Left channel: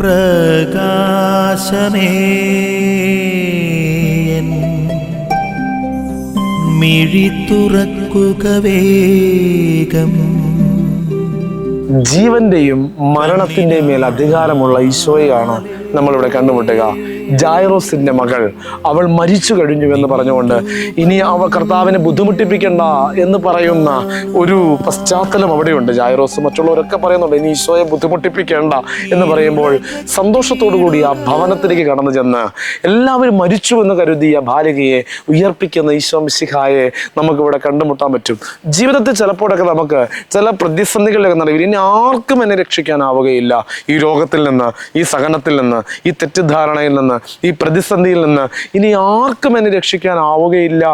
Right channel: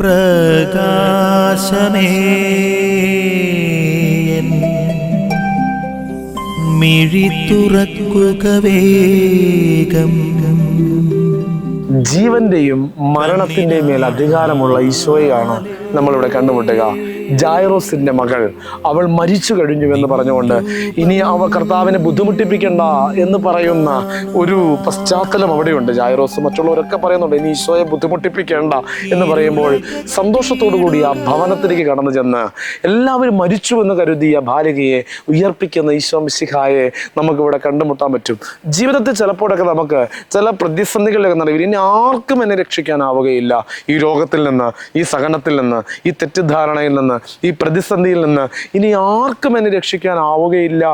പ്രകാശമേ മിഴി തുറക്കുക വേഗം. ജീവന്റെയും മരണത്തിന്റെയും മേൽ അധികാരമുള്ള ഈശോയെയാണ് നമ്മളിവിടെ കണ്ടുമുട്ടുക. ജായറോസിന്റെ മകൾ, അവൾ മരിച്ചു കഴിഞ്ഞു എന്ന് പറഞ്ഞുകൊണ്ട് ഇനി കർത്താവിനെ ബുദ്ധിമുട്ടിപ്പിക്കണ്ട എന്ന് പറയുന്ന ഒരു പശ്ചാത്തലം അവിടെയുണ്ട്. ജായറോസ് മറ്റുള്ളവരൊക്കെ പറയുന്നുണ്ട് ഇനി ഈശോയെ ബുദ്ധിമുട്ടിപ്പിക്കേണ്ട എന്ന് പറയുമ്പോൾ സന്തോഷത്തോടു കൂടി ആ ഭവനത്തിലേക്ക് കടന്നു ചെന്ന് എല്ലാവരും മരിച്ചു എന്ന് കരുതിയ ബാലികയെ ഉയർപ്പിക്കുന്ന ഈശോ മിശിഹായെ നമുക്കിവിടെ കണ്ടുമുട്ടാൻ പറ്റും. ജീവിതത്തിൽ ചിലപ്പോഴൊക്കെ നമുക്ക് ചില പ്രതിസന്ധികളിലൊക്കെ നടക്കും. ഇനി ആർക്കും എന്നെ രക്ഷിക്കാനാവുകയില്ല ഈ രോഗത്തിൽ നിന്ന്, ഈ സഹനത്തിൽ നിന്ന്, ഈ തെറ്റിദ്ധാരണയിൽ നിന്ന്, ഈ പ്രതിസന്ധിയിൽ നിന്ന് ഇനി ആർക്കും എന്നെ രക്ഷിക്കാനാവുകയില്ല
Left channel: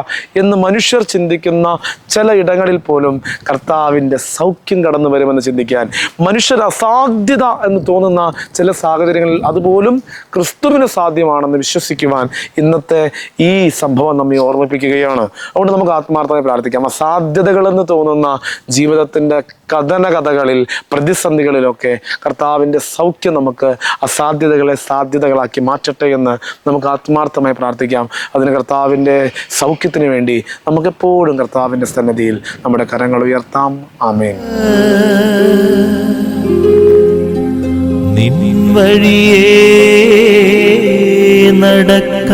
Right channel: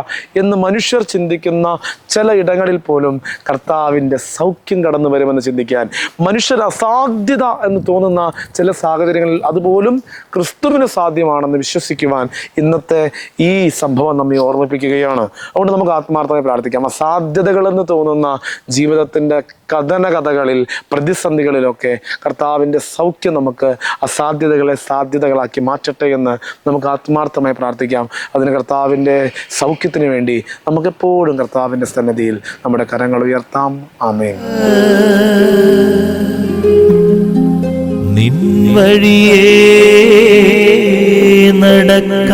എന്ന് മനുഷ്യർ ചിന്തിക്കുന്ന ചില ഇടങ്ങളിൽ പോലും കർത്താവിൻ്റെ സൗഖ്യം കടന്നു വരുമെന്ന് ചിന്തിക്കാൻ, മനുഷ്യർ അസാധ്യത എന്ന് തോന്നുന്ന ചില സാഹചര്യങ്ങളിൽ അതുപോലും ക്രിസ്തുവിന് സാധ്യമാണെന്ന് വിശ്വസിക്കുവാൻ ഇന്നത്തെ ഈ സംഭവം നമ്മെ ഓർമ്മിപ്പിക്കുകയാണ്. അതുകൊണ്ട് നമുക്ക് ആത്മാർത്ഥമായി പ്രാർത്ഥിക്കാം. അസാധ്യതകളെന്ന് തോന്നുന്ന ജീവിതത്തിൻ്റെ കഥകളിൽ, പ്രതിസന്ധികളിലൊക്കെ കർത്താവിൻ്റെ സൗഖ്യം നമുക്ക് അസാധ്യതകളെ സാധ്യതകളാക്കി മാറ്റട്ടെ എന്ന് നമുക്ക് ആത്മാർത്ഥമായി പ്രാർത്ഥിക്കാം. അതിന് കർത്താവിൻ്റെ സൗഖ്യത്തിന് വേണ്ടി നമുക്കെപ്പോഴും കർത്താവിൻ്റെ സന്നിധിയിൽ നമ്മുടെ കരങ്ങൾ ഉയർത്താം. ആമേൻ. നിൻ വഴിയേ നടക്ക